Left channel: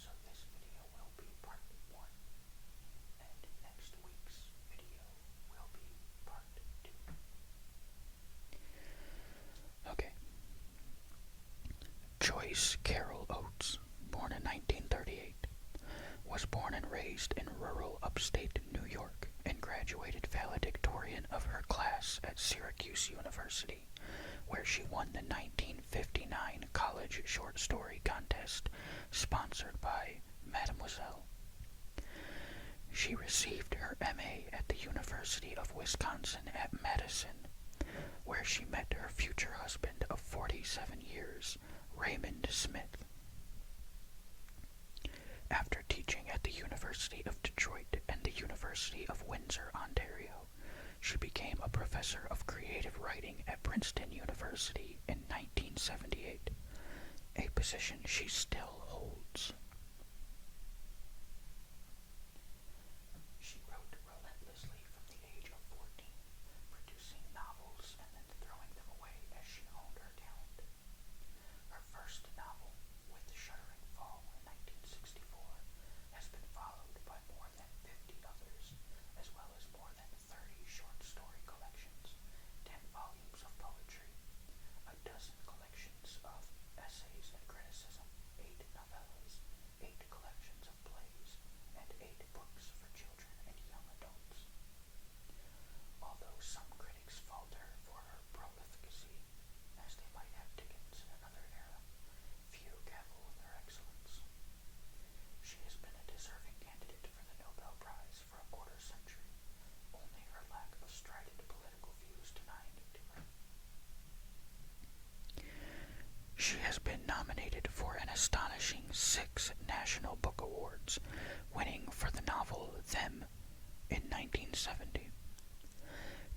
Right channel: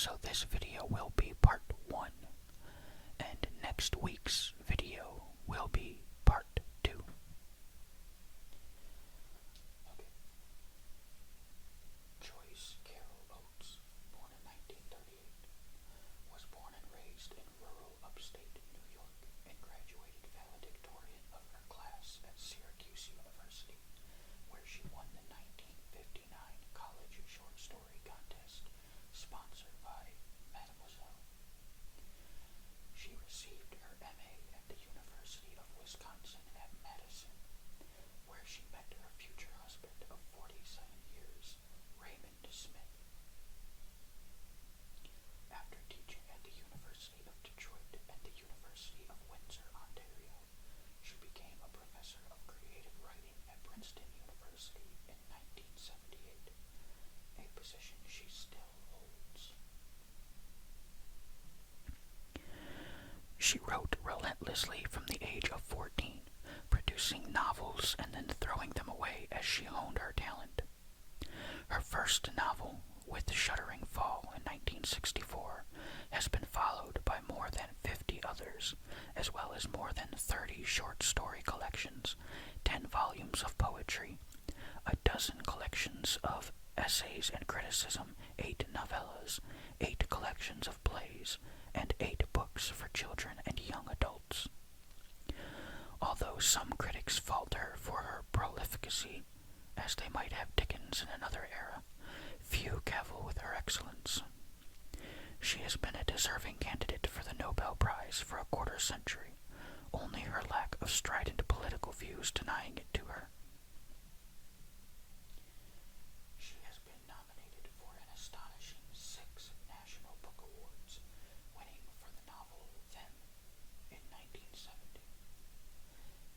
So this video will be part 1, and next week's video will be part 2. Okay. Joyce Carol Oates, born in 1938, was born and raised in rural upstate New York and graduated valedictorian of her class at Syracuse University, where she won the 1959 college short story contest sponsored by Mademoiselle. She received her MA at the University of Wisconsin at Madison, where she met her future husband of 47 years, Raymond Smith. After teaching at the University of Detroit and the University of Windsor, Ontario, she became a professor of creative writing at Princeton University in 1978, a position she still holds. She wrote relentlessly from the age of 14, producing novels and then throwing them away as she honed her talent. Her first novel, With the Shuddering Fall in 1964, has been followed by more than 50 others, as well as more than 30 short story collections, 10 volumes of poetry, a dozen collections of essays and criticism, 8 novellas, 8 collections of plays, and 8 books for children and young adults. Although some critics fault her for her prolificacy, as they might have Dickens in another era, few cavil with her excellence. She has been a deserving candidate for the Nobel Prize for a quarter century, only her lack of strident political views denying it to her. She has been nominated for an astonishing 6 National Book Awards, winning for the novel Them in 1970.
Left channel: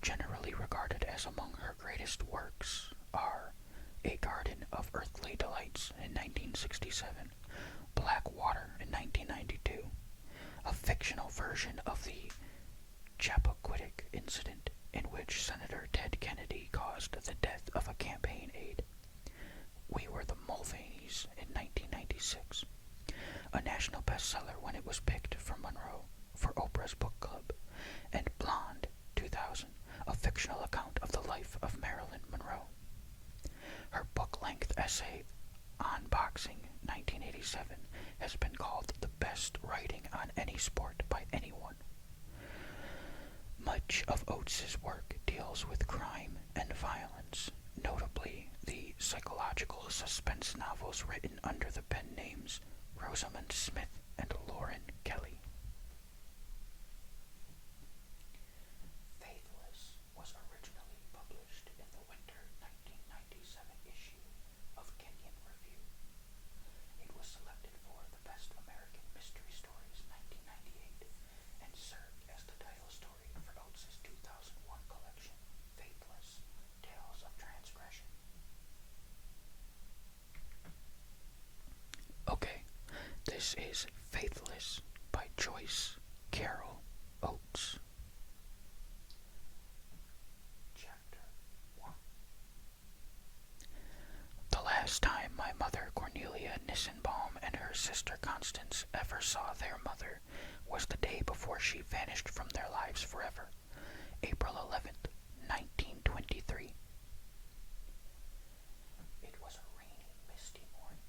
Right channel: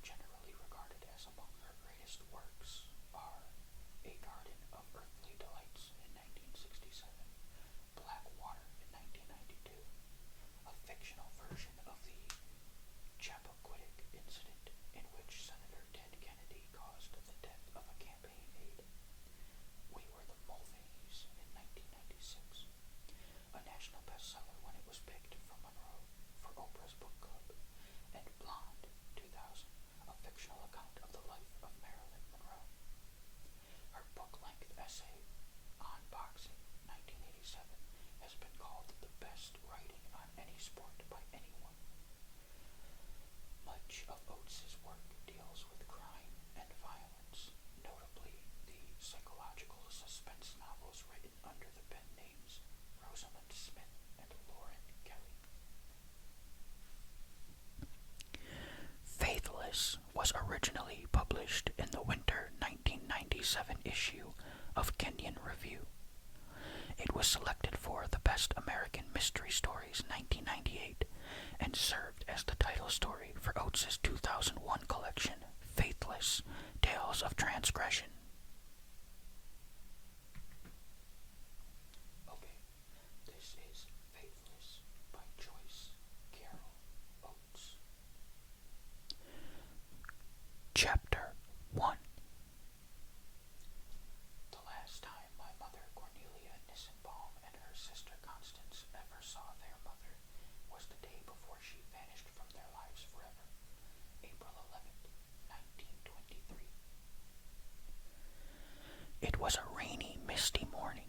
Generally regarded as among her greatest works are A Garden of Earthly Delights in 1967, Black Water in 1992, a fictional version of the Chappaquiddick incident in which Senator Ted Kennedy caused the death of a campaign aide, We Were the Mulvaneys in 1996, a national bestseller when it was picked for Monroe for Oprah's book club, and Blonde, 2000, a fictional account of the life of Marilyn Monroe. Her book-length essay, On Boxing, 1987, has been called the best writing on any sport by anyone. Much of Oates's work deals with crime and violence, notably the psychological suspense novels written under the pen names Rosamund Smith and Lauren Kelly. Faithless was originally published in the winter 1997 issue of Kenyon Review. It was selected for the Best American Mystery Stories 1998 and served as the title story for Oates's 2001 collection, Faithless, Tales of Transgression. Okay, this is Faithless by Joyce Carol Oates. Chapter 1. The last time my mother Cornelia Nissenbaum and her sister Constance ever saw their mother was the day before she vanished from their lives forever, April 11th, 1923. It was a rainy, misty morning.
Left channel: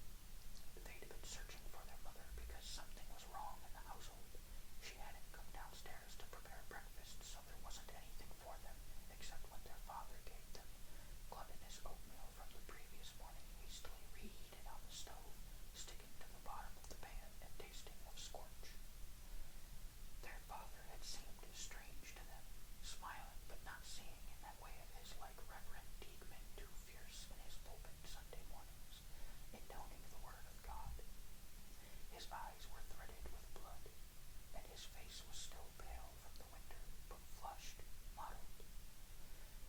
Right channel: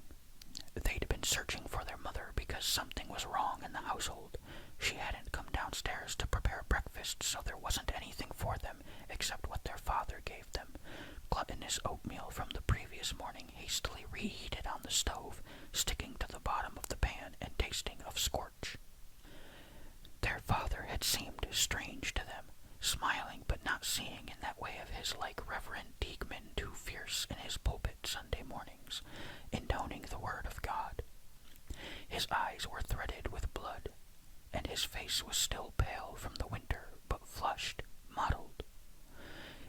They'd been searching for their mother because something was wrong in the household. She hadn't come downstairs to prepare breakfast, so there wasn't anything for them except what their father gave them, gluttonous oatmeal from the previous morning hastily reheated on the stove, sticking to the bottom of the pan and tasting of scorch. Their father had seemed strange to them, smiling but not seeing in that way of his like Reverend Diekman too fierce in his pulpit Sunday mornings, intoning the word of God. His eyes were threaded with blood, and his face was still pale from the winter, but flushed, mottled.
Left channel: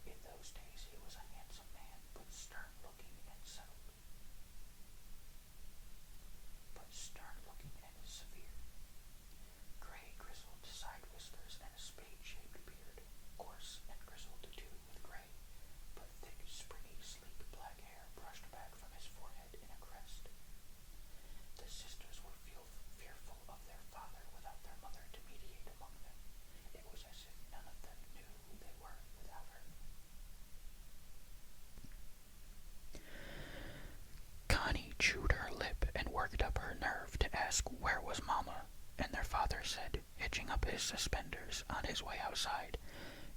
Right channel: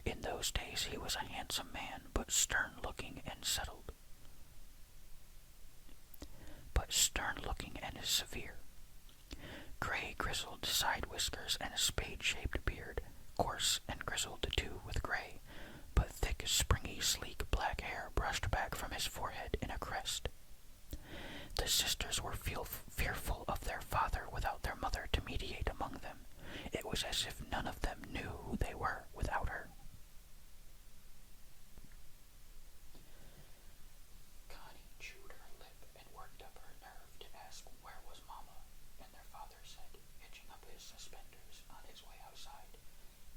In those days he was a handsome man, but stern-looking and settled. Severe. Gray grizzled side whiskers and a spade-shaped beard, coarse and grizzled too with gray, but thick, springy, sleek black hair brushed back from his forehead in a crest. The sisters were was as if none of them knew who they were without her. Connie chewed her lip and worked up her nerve to ask where was Mama, and their father said, hitching up his suspenders on his way outside,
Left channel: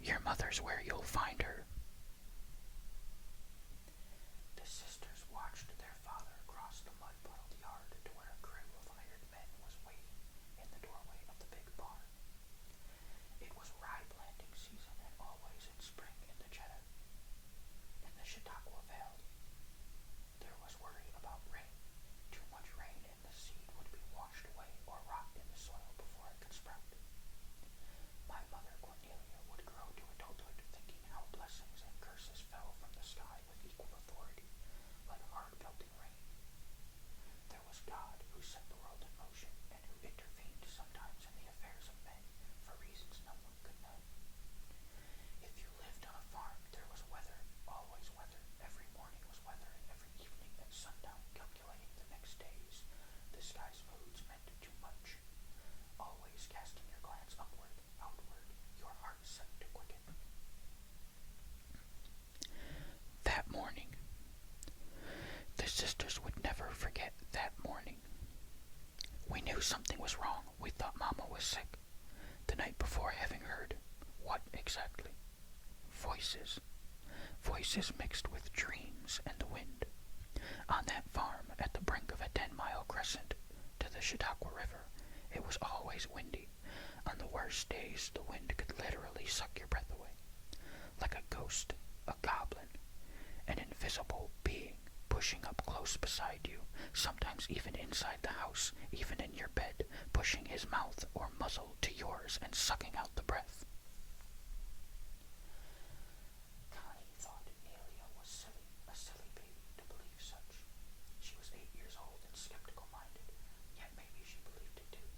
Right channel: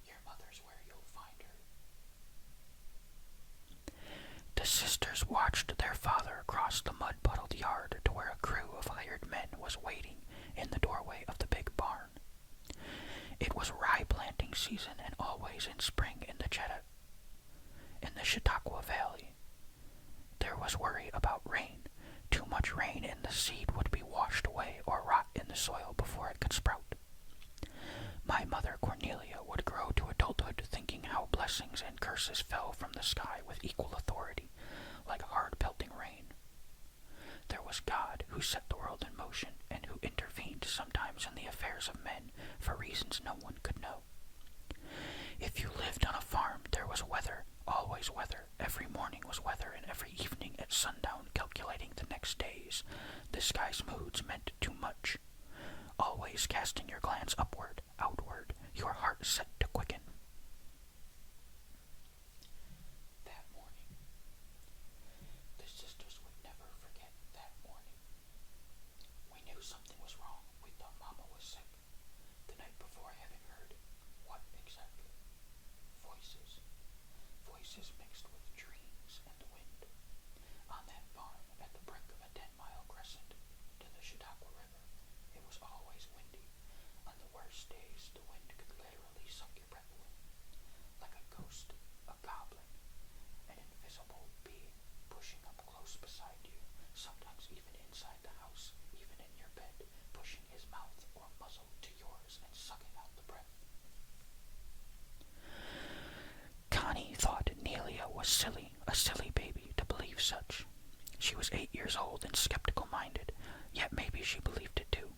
"Your mother's where you'll find her." The sisters watched their father cross the mud-puddled yard to where a crew of hired men was waiting in the doorway of the big barn. It was rye planting season and always in spring in the Chautauqua Valley. There was worry about rain. Too much rain and the seed would be washed away or rot in the soil before it could sprout. My mother, Cornelia, would grow to adulthood thinking how blessings and curses fell from the sky with equal authority, like hard pelting rain. There was God who set the world in motion and who intervened sometimes in the affairs of men for reasons no one could know. If you lived on a farm, there was weather, always weather. Every morning was weather, and every evening at sundown, calculating the next days. The sky's moods meant too much. Always casting your glance upward, outward, your heart set to quicken. That morning. The sisters would never forget that morning. We knew something was wrong. We thought Mama was sick. The night before, having heard what exactly? Voices. Voices mixed with dreams and the wind. On that farm, at the brink of a 10-mile crescent to the Chautauqua River, it was always windy. On the worst days, the wind could literally suck your breath away. Like a ghost, a goblin, an invisible being pushing up close beside you, sometimes even inside the house, even in your bed, pushing his mouth or muzzle to yours and sucking out the breath. Connie thought Nelia was silly, a silly baby, to believe such. She was 8 years old and skeptical-minded, yet maybe she believed it too.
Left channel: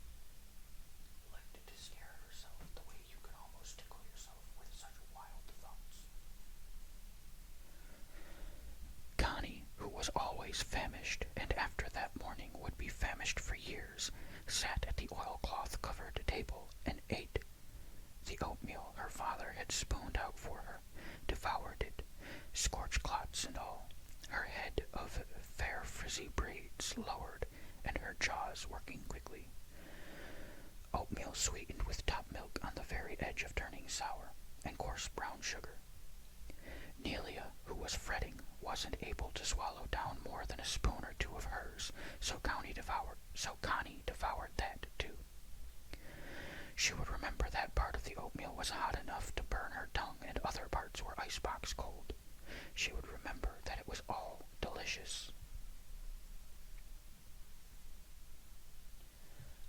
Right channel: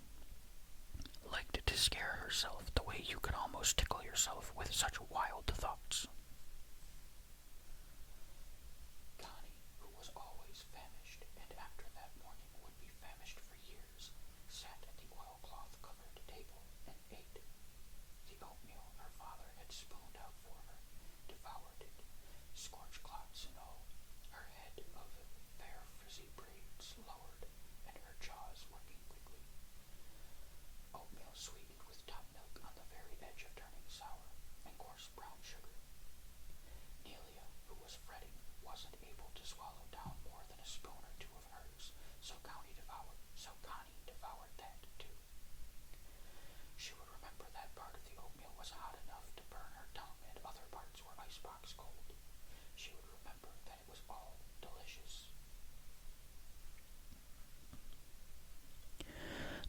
Liked to scare herself the way you could almost tickle yourself with such wild thoughts. Connie, who was always famished, and after that morning would be famished for years, sat at the oilcloth-covered table and ate the oatmeal her father had spooned out for her, devoured it, scorch clots and all, her head of fair frizzy braids lowered, and her jaws working quickly. Oatmeal sweetened with top milk on the very edge of turning sour, and coarse brown sugar. Nelia, who was fretting, wasn't able to swallow down more than a spoon or two of hers, so Connie devoured that too. She would remember that part of the oatmeal was hot enough to burn her tongue and other parts were icebox cold. She would remember that it was all delicious.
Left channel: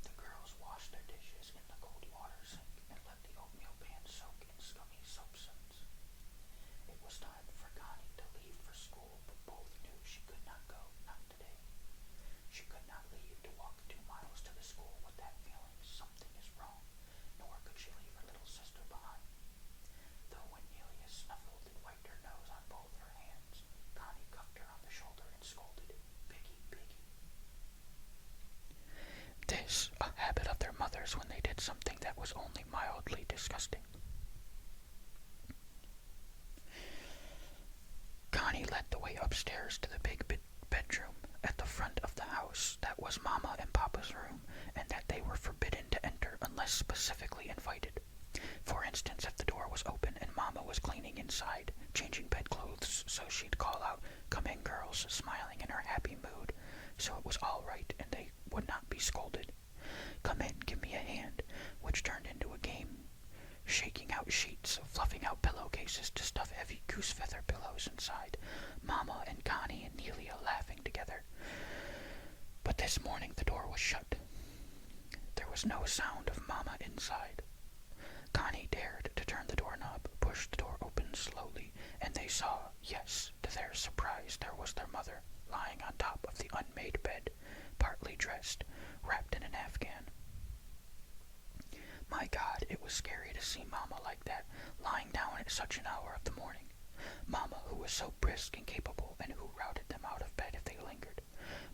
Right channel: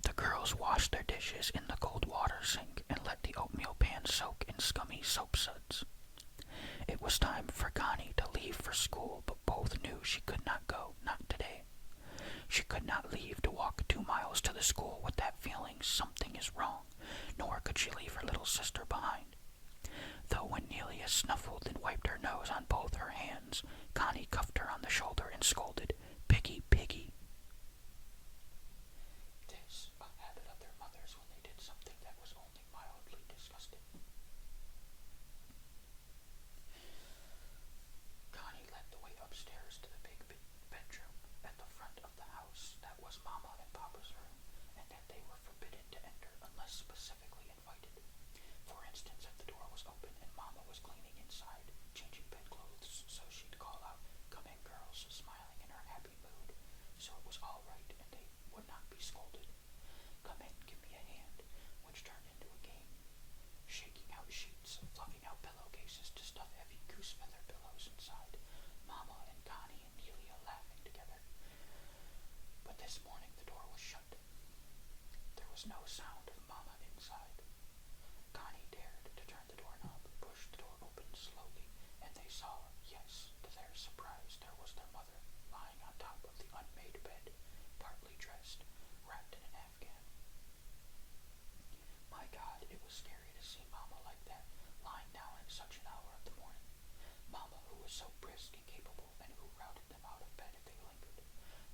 The girls washed their dishes in the cold water sink and let the oatmeal pan soak in scummy soap suds. It was time for Connie to leave for school, but both knew she could not go, not today. She could not leave to walk 2 miles to the school with that feeling something is wrong, nor could she leave her little sister behind. Though when Nelia snuffled and wiped her nose on both her hands, Connie cuffed her on the shoulder and scolded, "Piggy, piggy." This, a habit of their mothers when they did something that was only mildly disgusting. Connie led the way upstairs to the big bedroom at the front of the house that was Mama and Papa's room, and that they were forbidden to enter unless specifically invited. For instance, if the door was open and Mama was cleaning inside, changing bedclothes, so she'd call out, "Come in, girls," smiling in her happy mood, so it was all right and they would not be scolded. "Come in, give me a hand," which turned into a game, shaking out sheets, fluffing out pillowcases to stuff heavy goose feather pillows inside, Mama and Connie and Nelia laughing together. But this morning the door was shut. There was no sound of Mama inside. Connie dared to turn the doorknob, pushed the door open slowly, and they saw, yes, to their surprise, there was their mother, lying on top of the unmade bed, partly dressed, wrapped in an afghan. My God, it was scary to see Mama like that, lying down at such an hour of the morning. Mama, who was so brisk and capable, and who routed them out of bed if they lingered.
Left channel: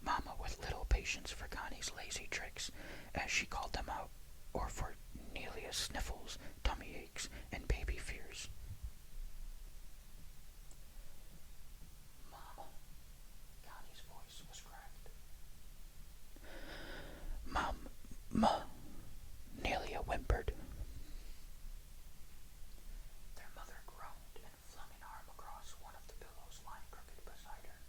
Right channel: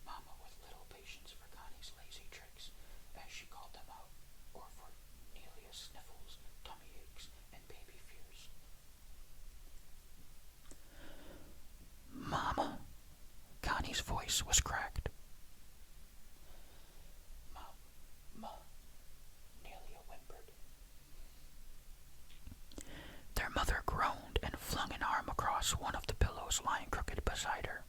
Mama with little patience for Connie's lazy tricks, as she called them out, or for Nelia's sniffles, tummy Nellie's voice was cracked. "Ma," Nelia whimpered. Their mother groaned and flung an arm across one of the pillows lying crooked beside her.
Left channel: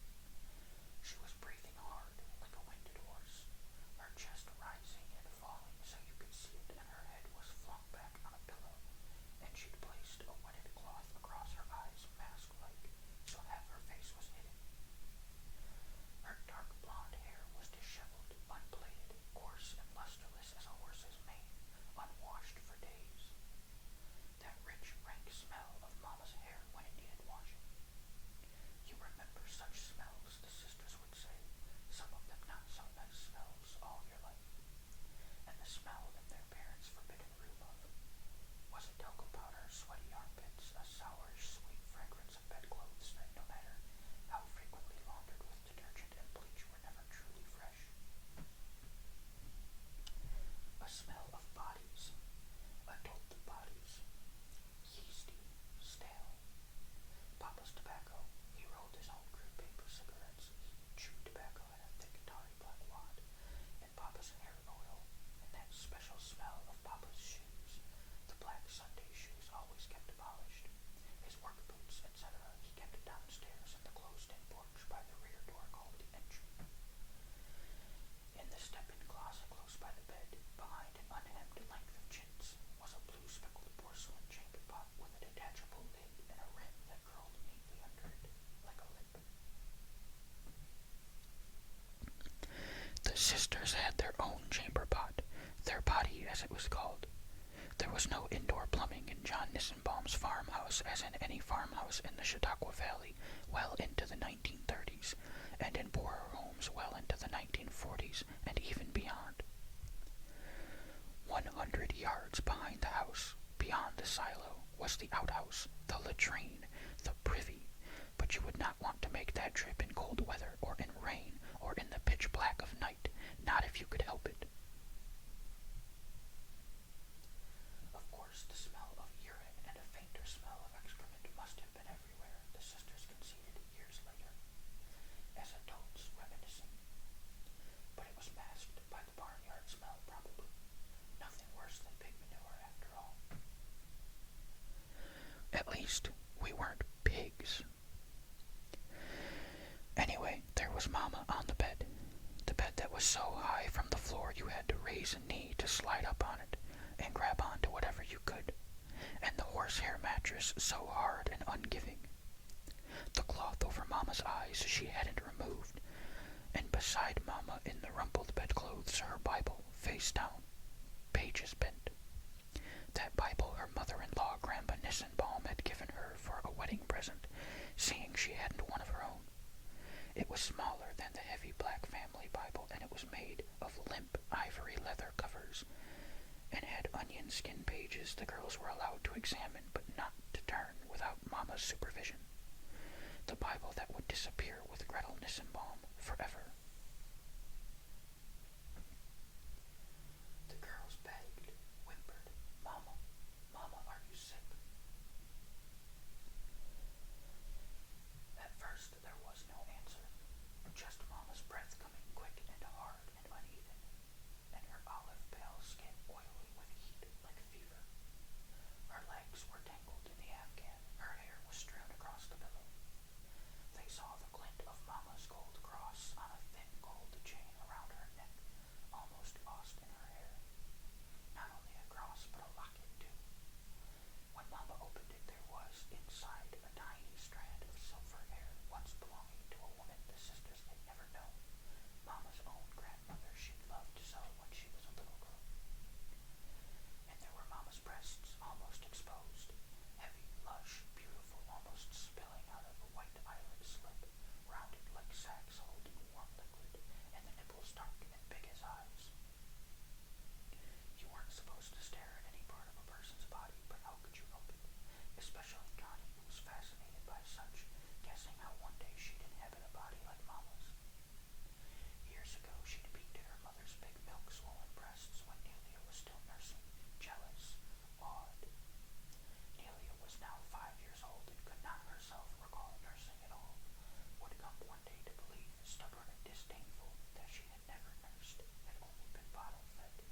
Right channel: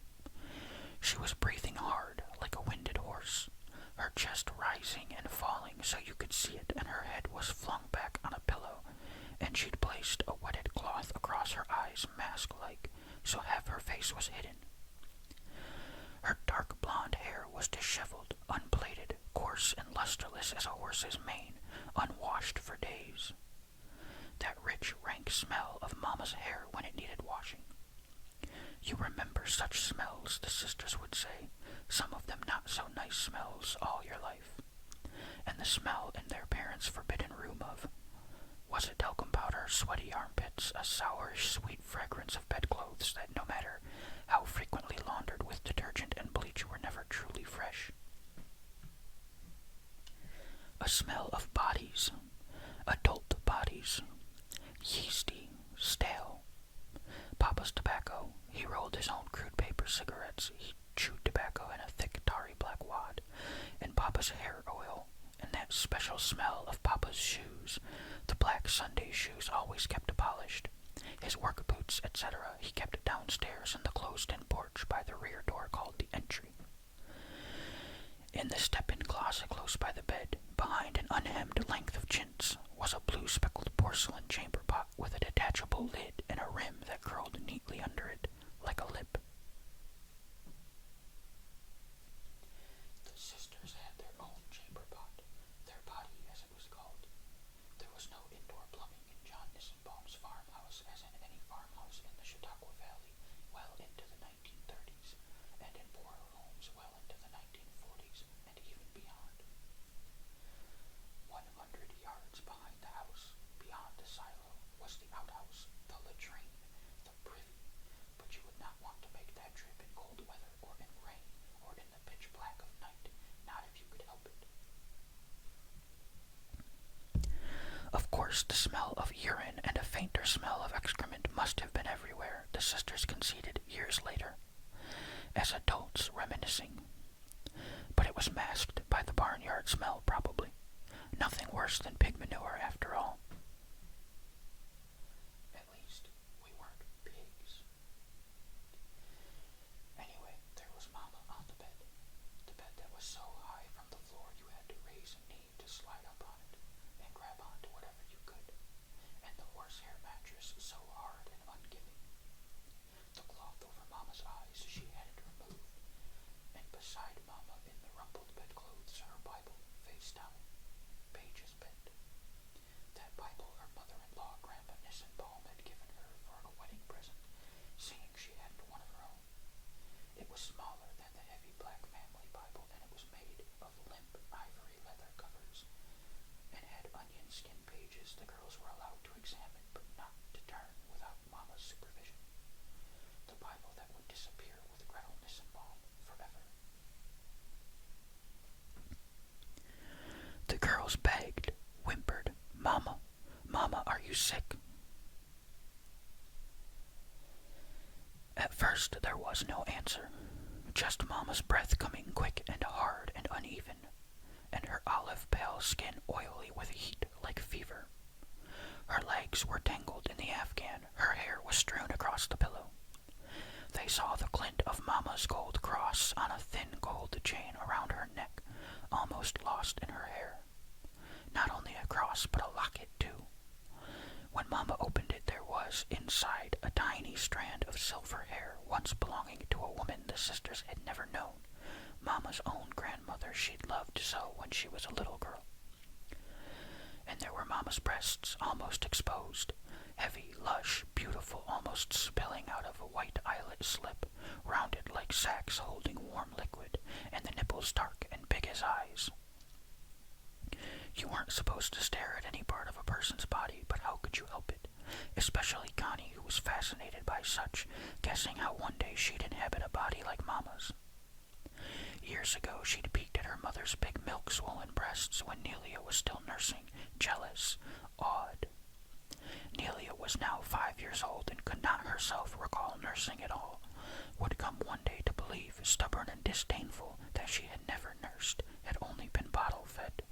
She was breathing hard, like a winded horse, her chest rising and falling so you could see it, and her head was flung back on a pillow, and she'd placed a wetted cloth across her eyes mask-like, so half her face was hidden. Her dark blonde hair was disheveled, unplaited, coarse and lusterless as a horse's mane, unwashed for days. That rich, rank smell of Mama's hair when it needed washing. You remember such smells, the sisters would say, some of them not so nice smells, all your life. And the smell in their parents' forbidden room of, was it talcum powder, sweaty armpits, a sour, sweet fragrance of bedclothes that no matter how frequently laundered with detergent and bleach were never truly fresh. A smell of bodies, adult bodies, yeasty, stale. Papa's tobacco, he rolled his own crude paper cigarettes, he chewed tobacco in a thick tarry black wad, and Papa's hair oil, and that special smell of Papa's shoes, the black Sunday shoes always kept polished, his work boots, etc., he kept downstairs in the closed-in porch by the rear door called the entry. In the step-in closet close by the bed, behind an unhemmed length of chintz, was a blue speckled porcelain chamber pot with a detachable lid and a rim that curled neatly under it, like a lip. The sisters had their own chamber pot, their potty as it was called. There was no indoor plumbing in John Nissenbaum's farmhouse as in any farmhouse in the Chautauqua Valley well into the 1930s, and in poorer homes well into the 1940s and even beyond. 100 yards behind the house, beyond the silo, was the outhouse, the latrine, the privy, but you would not want to make that trip in cold weather or in rain or in the pitch black of night, not if you could help it. Of course, the smell of urine and a fainter smell of excrement must have been everywhere, the sisters conceded years later, as adults reminiscing. But it was masked by the barnyard smell, probably. Nothing worse than pig manure, after all. At least, we weren't pigs. Anyway, there was Mama on the bed that was so high from the floor you had to raise a knee to slide up on it and grab onto whatever you could, and the horsehair mattress so hard and ungiving. The cloth over Mama's eyes she hadn't removed, and beside Mama in the rumpled bedclothes her Bible, face down, pages bent. That Bible her mother-in-law, Grandpa Nissenbaum, had given her for a wedding present, seeing she hadn't one of her own. It was smaller than the heavy black family Bible, and it was made of limp ivory leather covers, and had onion skin pages the girls were allowed to examine but not to turn without Mama's supervision. The Bible that would disappear with Gretel Nissenbaum forever. The girls begged, whimpered, "Mama, Mama, are you sick?" At first there was no answer, just Mama's breath coming quick and hard and uneven, and her olive-pale skin oily with heat like fever. Her legs were tangled in the afghan, her hair was strewn across the pillow. They saw the glint of Mama's gold cross on a thin gold chain around her neck, almost lost in her hair. Not only a cross, but a locket, too. When Mama opened it, there was, inside, a tiny strand of silver hair once belonging to a woman the sisters had never known, Mama's own grandmother she'd loved so when she was a little girl. And there were Mama's breasts, almost exposed, heavy, lush, beautiful, almost spilling out of a white eyelet slip, rounded like sacks holding warm liquid, and the nipples dark and big as eyes. You weren't supposed to stare at any part of a person's body, but how could you help it? Especially Connie, who was fascinated by such, guessing how one day she'd inhabit a body like Mama's. Years ago she'd peeked at her mother's big milk-swollen breasts when Nelia was still nursing, jealous, awed. Nelia was now 5 years old and could not herself recall nursing at all, would come one day to believe, stubborn disdainful that she had never nursed, had only been bottle-fed.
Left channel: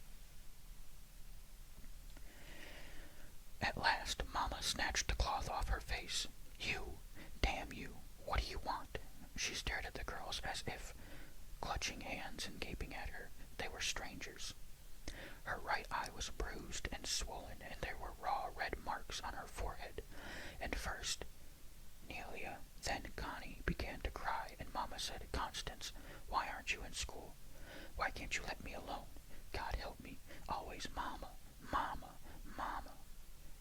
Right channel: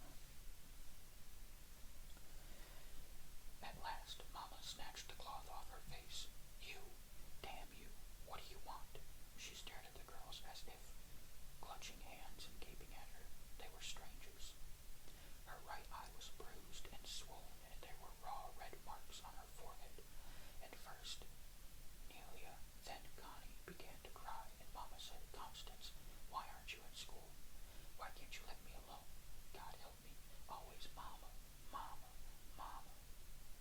At last, Mama snatched the cloth off her face. "You! Damn you! What do you want?" She stared at the girls as if, clutching hands and gaping at her, they were strangers. Her right eye was bruised and swollen, and there were raw red marks on her forehead. And first, Nelia, then Connie began to cry, and Mama said, "Constance, why aren't you in school? Why can't you let me alone? God help me, always Mama, Mama, Mama."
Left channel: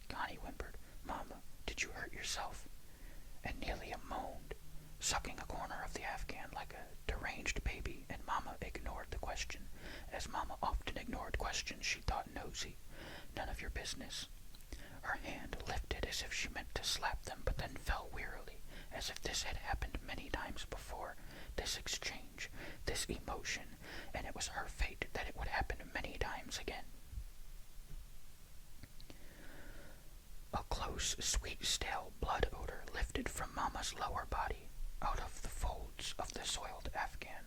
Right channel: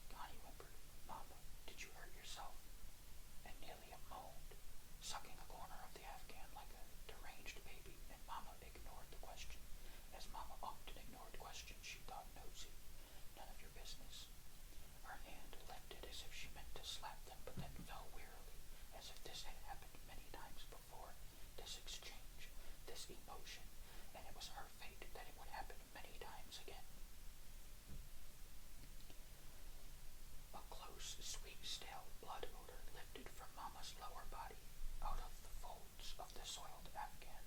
Connie whimpered, "Mama, did you hurt yourself?" And Nelia moaned, sucking a corner of the Afghan like a deranged baby, and Mama ignored the question, as Mama often ignored questions she thought nosy. "None of your business." Her hand lifted as if she meant to slap them, but then fell wearily, as if this had happened many times before, this exchange, this emotion, and it was her fate that it would happen many times again. A close, sweet, stale blood odor lifted from Mama's lower body, out of the folds of the soiled Afghan.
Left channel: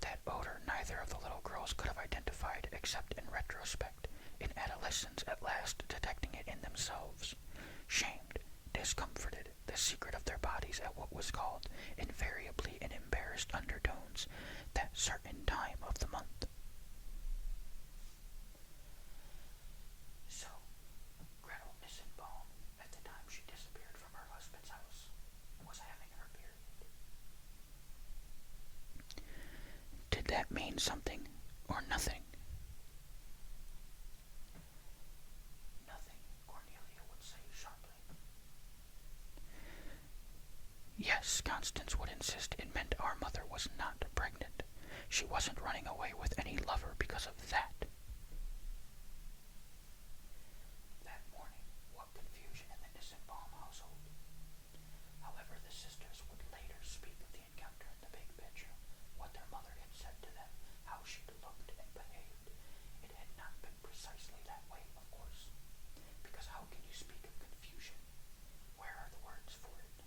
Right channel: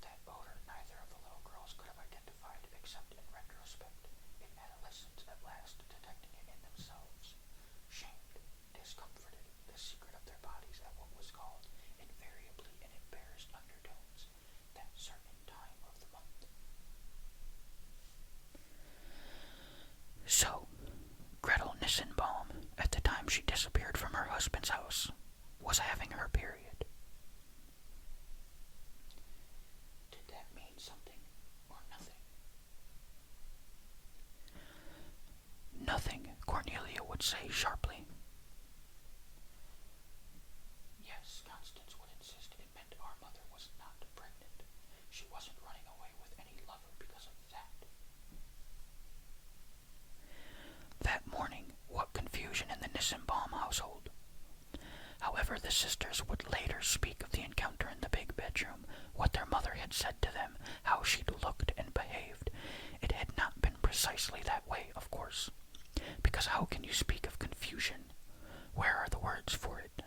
That odor neither of the little girls could have identified except in retrospect, in adolescence at last detecting it in themselves. Shamed, discomforted, the secret of their bodies at what was called, invariably in embarrassed undertones, that certain time of the month. So, Gretel Nissenbaum, at the time she disappeared from her husband's house, was having her period. Did that mean something or nothing? "Nothing," Cornelia would say sharply. "Yes," Constance would insist, "it meant our mother was not pregnant. She wasn't running away with any lover because of that." That morning, what confusion in the Nissenbaum household. However, the sisters would later speak of the encounter in the big bedroom, what their mother had said to them, how she'd looked and behaved. It had not been precisely that way, of course, because how can you speak of confusion? Where are the words for it?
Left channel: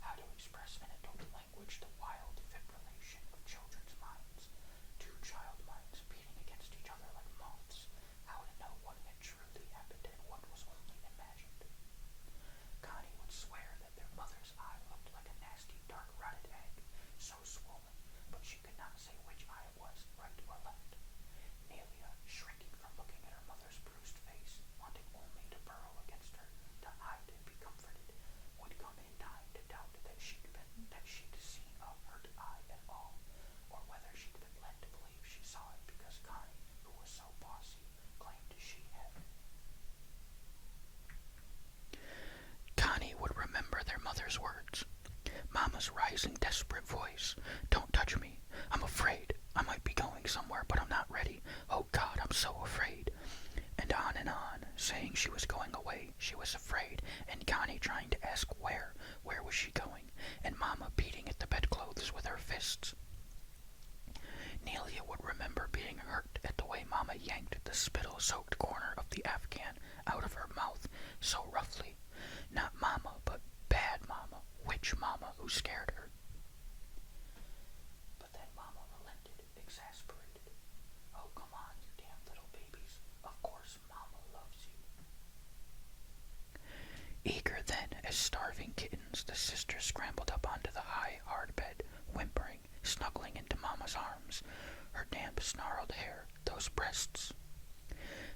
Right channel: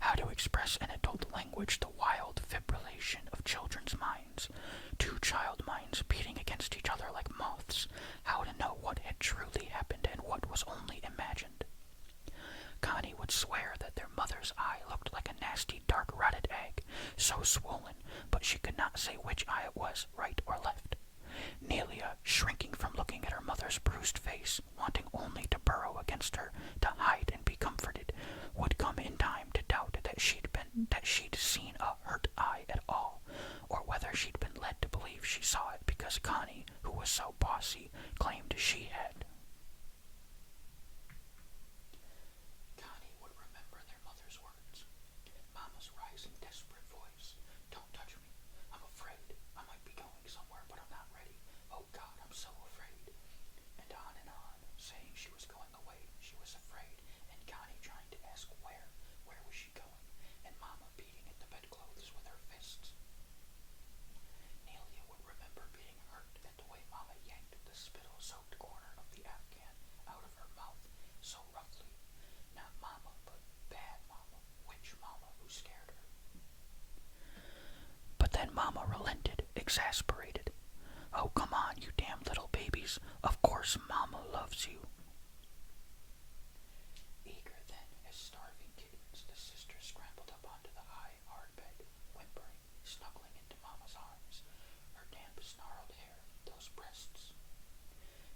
How to express in adult language the wild fibrillation of children's minds, two child minds beating against each other like moths, how to know what had truly happened and what was only imagined. Connie would swear that their mother's eye looked like a nasty dark rotted egg, so swollen, but she could not say which eye it was, right or left. Nelia, shrinking from looking at her mother's bruised face, wanting only to burrow against her, to hide and be comforted, would come in time to doubt that she'd seen a hurt eye at all, or whether she'd been led to believe she saw it because Connie, who was so bossy, claimed she had. Connie would remember their mother's words. Mama's rising, desperate voice. "Don't touch me. I'm afraid. I might be going somewhere, but I'm not ready. Oh God, I'm so afraid." And on, saying she was going away, she was afraid, and Connie trying to ask where was she going, and Mama beating at the bedclothes with her fists. Nelia would remember being hurt at the way Mama yanked the spittle-soaked corner of the Afghan out of her mouth so roughly. Not Mama, but bad Mama, witch Mama who scared her. But then Mama relented, exasperated. "Oh, come on, you damn little babies. Of course Mama loves you." Eager then as starving kittens, the sisters scrambled up onto the high, hard bed, whimpering, snuggling into Mama's arms, her damp, snarled hair, those breasts.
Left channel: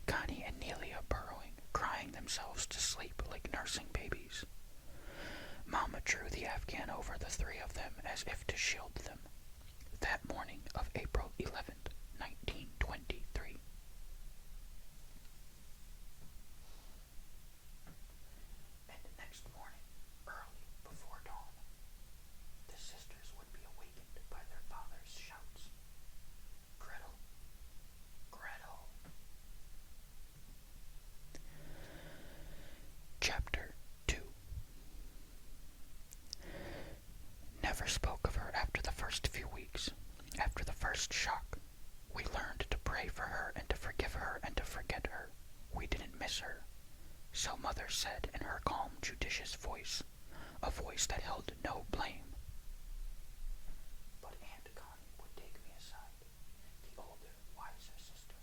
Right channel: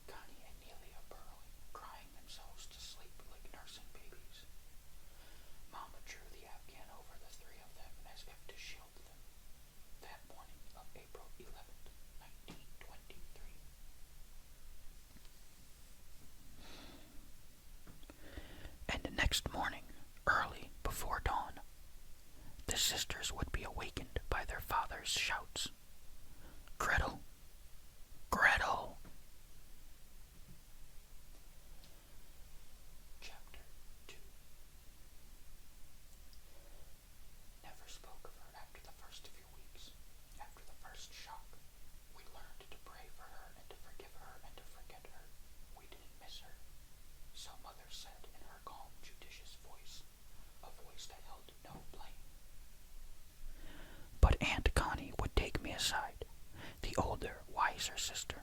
Connie and Nelia burrowing, crying themselves to sleep like nursing babies. Mama drew the Afghan over the three of them as if to shield them. That morning of April 11th, 1923. And next morning, early before dawn, the sisters would be awakened by their father's shouts. "Gretel! Gretel!" Chapter 2. Never spoke of her after the first few weeks, after the first shock. We learned to pray for her and to forgive her and to forget her. We didn't miss her. So Mother said in her calm, judicious voice, a voice that held no blame. But Aunt Connie Connie's her sister.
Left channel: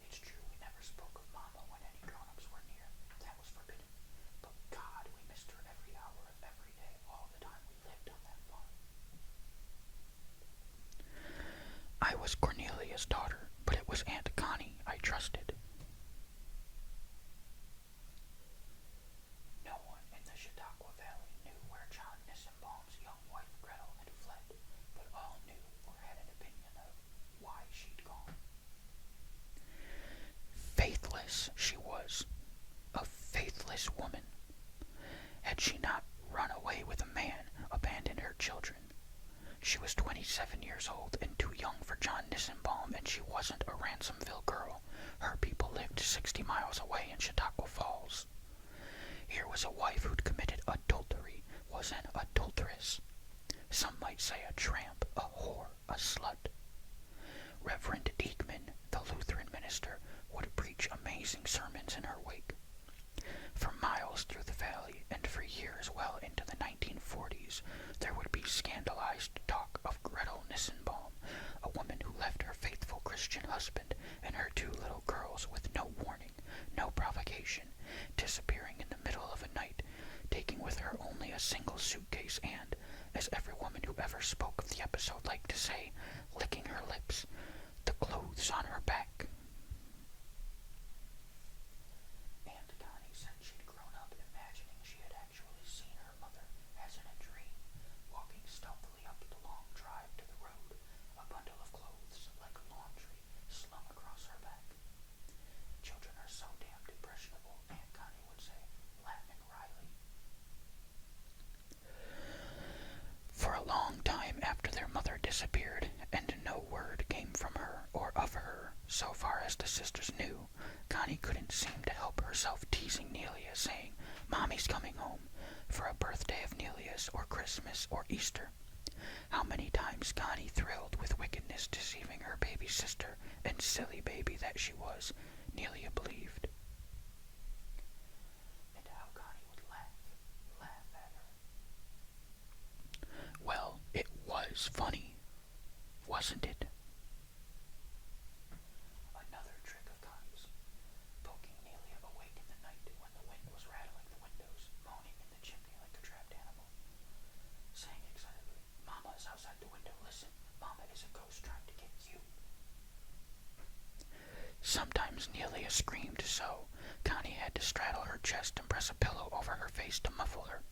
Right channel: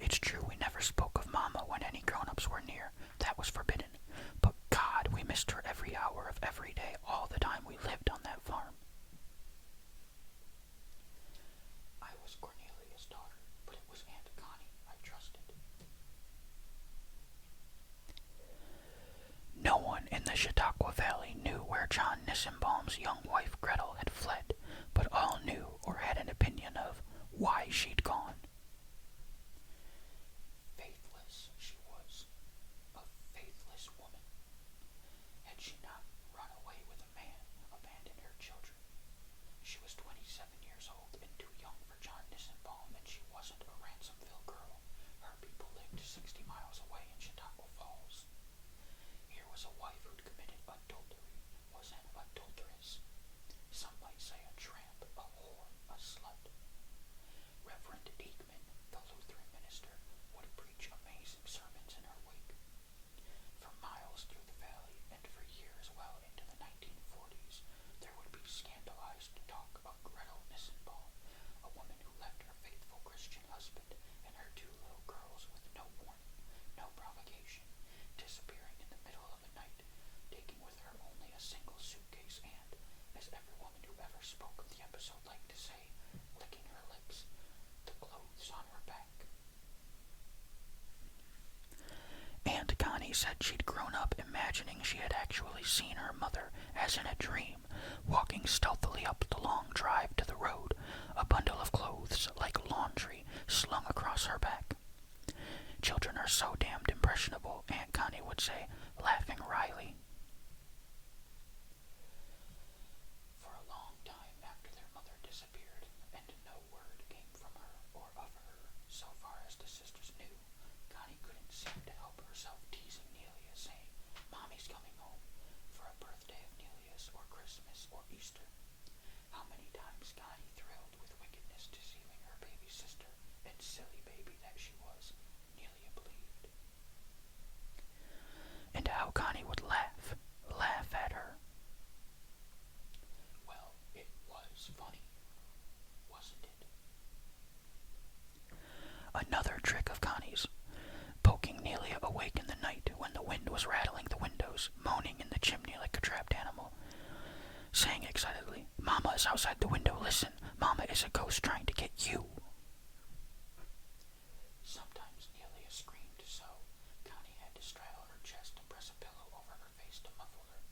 It's true we never spoke of Mama when any grown-ups were near. That was forbidden. But God, we missed her every hour of every day, all the time we lived on that farm. I was Cornelia's daughter, but it was Aunt Connie I trusted. No one in the Chautauqua Valley knew where John Nissenbaum's young wife Gretel had fled, but all knew or had an opinion of why she'd gone. Faithless she was, a faithless woman. Had she not run away with a man, abandoned her children? She was 27 years old and too young for John Nissenbaum, and she wasn't a Ransomville girl. Her people lived 60 miles away in Chautauqua Falls. Here was a wife who'd committed adultery, was an adulteress. Some might say a tramp, a whore, a slut. Reverend Diekman, the Lutheran minister, would preach amazing sermons in her wake. For miles through the valley, and for years well into the 1940s, there would be scandalized talk of Gretel Nissenbaum, a woman who left her faithful Christian husband and her 2 little girls with no warning, no provocation, disappearing in the middle of a night, taking with her only a single suitcase and, as every woman who ever spoke of the episode liked to say, licking her lips, the clothes on her back. Aunt Connie said she'd grown up imagining she had actually seen her mother, as in a dream, walking stealthily up the long drive to the road, a bundle of clothes like laundry slung across her back. Children are so damned impressionable, Aunt Connie would say, laughing wryly. For a long time after their mother disappeared, and no word came from her or of her, so far as the sisters knew, Connie couldn't seem to help herself teasing Nelia, saying, "Mommy's coming home," for a birthday of Nelia's, or Christmas, or Easter. How many times Connie thrilled with wickedness, deceiving her baby sister, and silly baby that she was, Nelia believed. And how Connie would laugh at her. Well, it was funny, wasn't it? Another trick of Connie's, poking Nelia awake in the night when the wind was rattling the windows, moaning in the chimney like a trapped animal, saying excitedly, "Mama is outside the window, listen, Mama is a ghost trying to get you." Sometimes Nelia screamed so, Connie had to straddle her chest and press a pillow over her face to muffle her.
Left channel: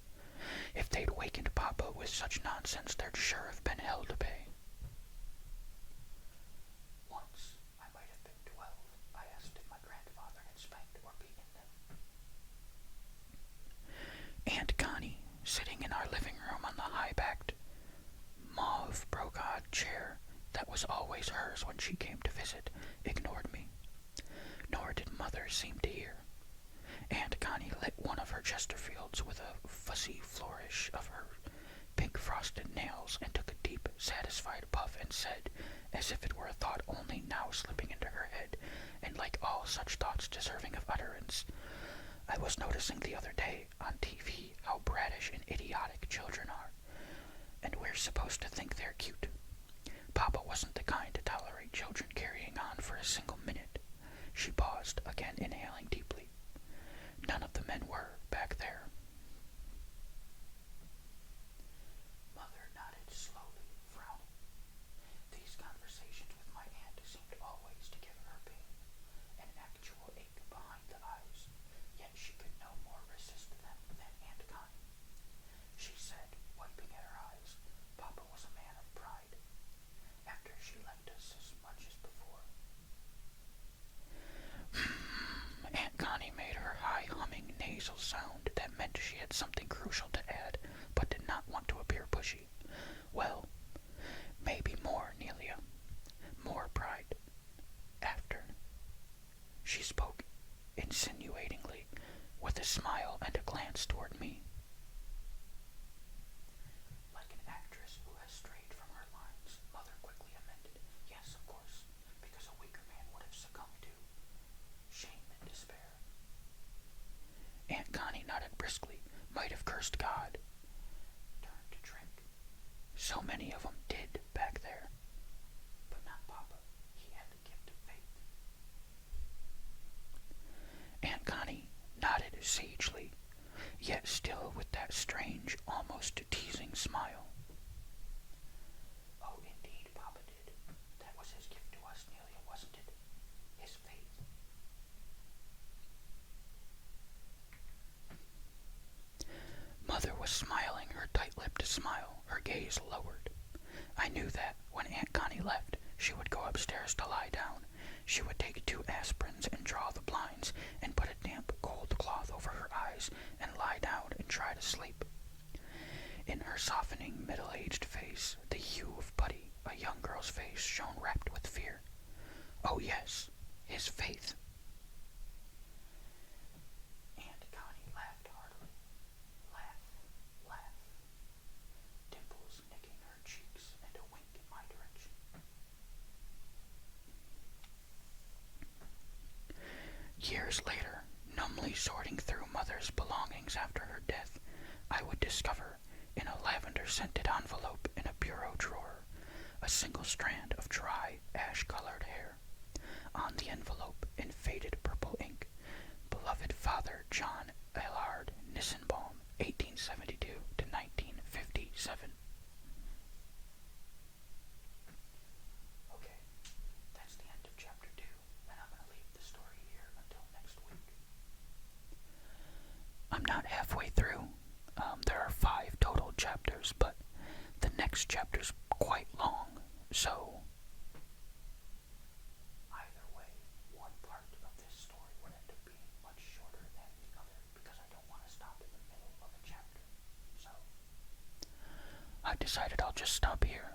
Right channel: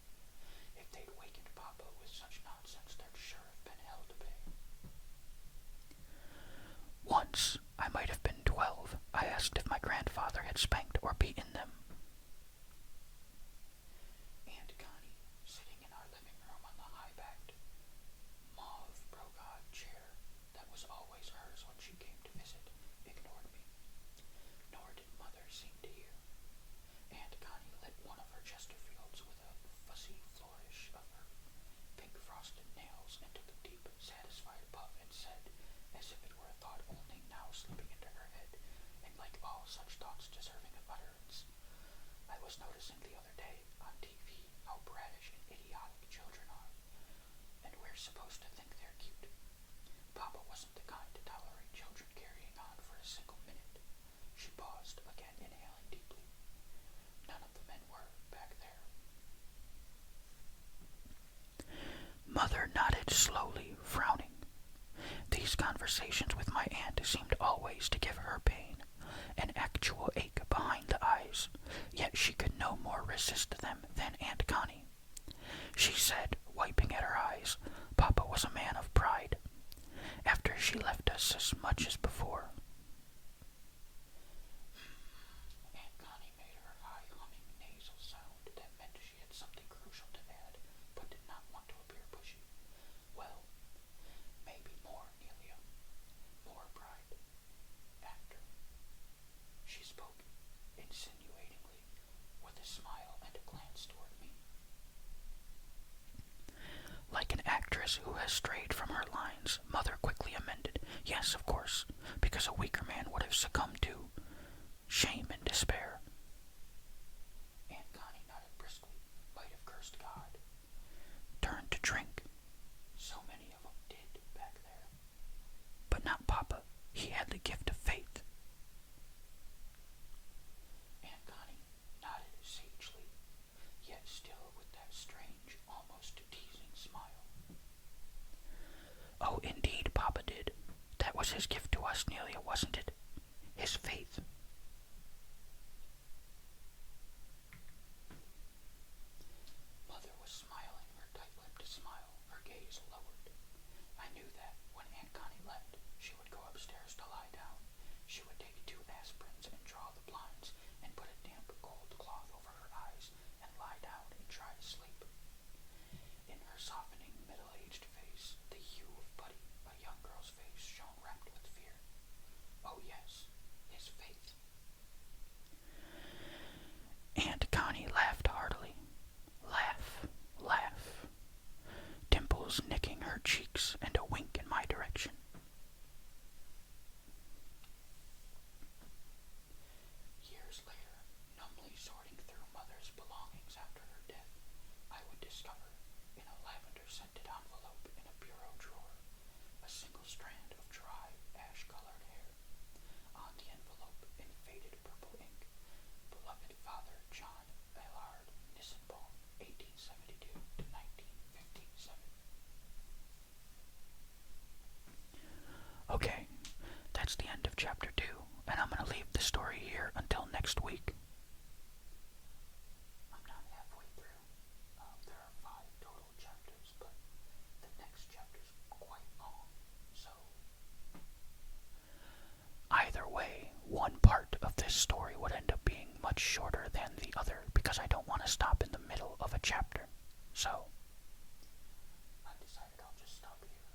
If they'd wakened Papa with such nonsense, there'd sure have been hell to pay. Once, I might have been 12, I asked if my grandfather had spanked or beaten them. Aunt Connie, sitting in our living room on the high-backed, mauve brocade chair that was always hers when she came to visit, ignored me. Nor did Mother seem to hear. Aunt Connie lit one of her Chesterfields with a fussy flourish of her pink frosted nails and took a deep, satisfied puff and said, as if it were a thought only now slipping into her head, and like all such thoughts deserving of utterance, "I was noticing the other day on TV how brattish and idiotic children are, and we're supposed to think they're cute. Papa wasn't the kind to tolerate children carrying on for a single minute." She paused, again inhaling deeply. None of the men were back there. Mother nodded slowly, frowning. These conversations with my aunt seemed always to give her pain, an actual ache behind the eyes, yet she could no more resist them than Aunt Connie. She said, wiping at her eyes, Papa was a man of pride, after she left us as much as before. Aunt Connie made her high humming nasal sound that meant she had something crucial to add, but did not want to appear pushy. "Well, maybe more, Nelia. More pride. After." She spoke insinuatingly, with a smile and a glance toward me. Like an actress who has strayed from her lines, Mother quickly amended, "Yes, of course. left, she would go upstairs to lie down. She would take 2 aspirins and draw the blinds and put a damp, cold cloth over her eyes and lie down and try to sleep. In her softening, middle-aged face, the hue of putty, a young girl's face shone wrapped with fear. Oh yes, his faith. Aunt Connie laughed heartily. Laugh, laugh. Dimples nicking her cheeks and a wink in my direction. Years later, numbly sorting through Mother's belongings after her death, I would discover, in a lavender-scented envelope in a bureau drawer, a single strand of dry, ash-colored hair. On the envelope, in faded purple ink, beloved Father John Allard Nissenbaum, 1872 to 1957. Okay, that's the end of Chapter 2, and I'm going to leave the story here until next week. I'm not halfway through. There are 5 total chapters, but the next chapter's quite long, so either way, one part of this story would end up being much shorter than the other because I don't want to stop in the middle of a chapter. So I decided I'll just stop here.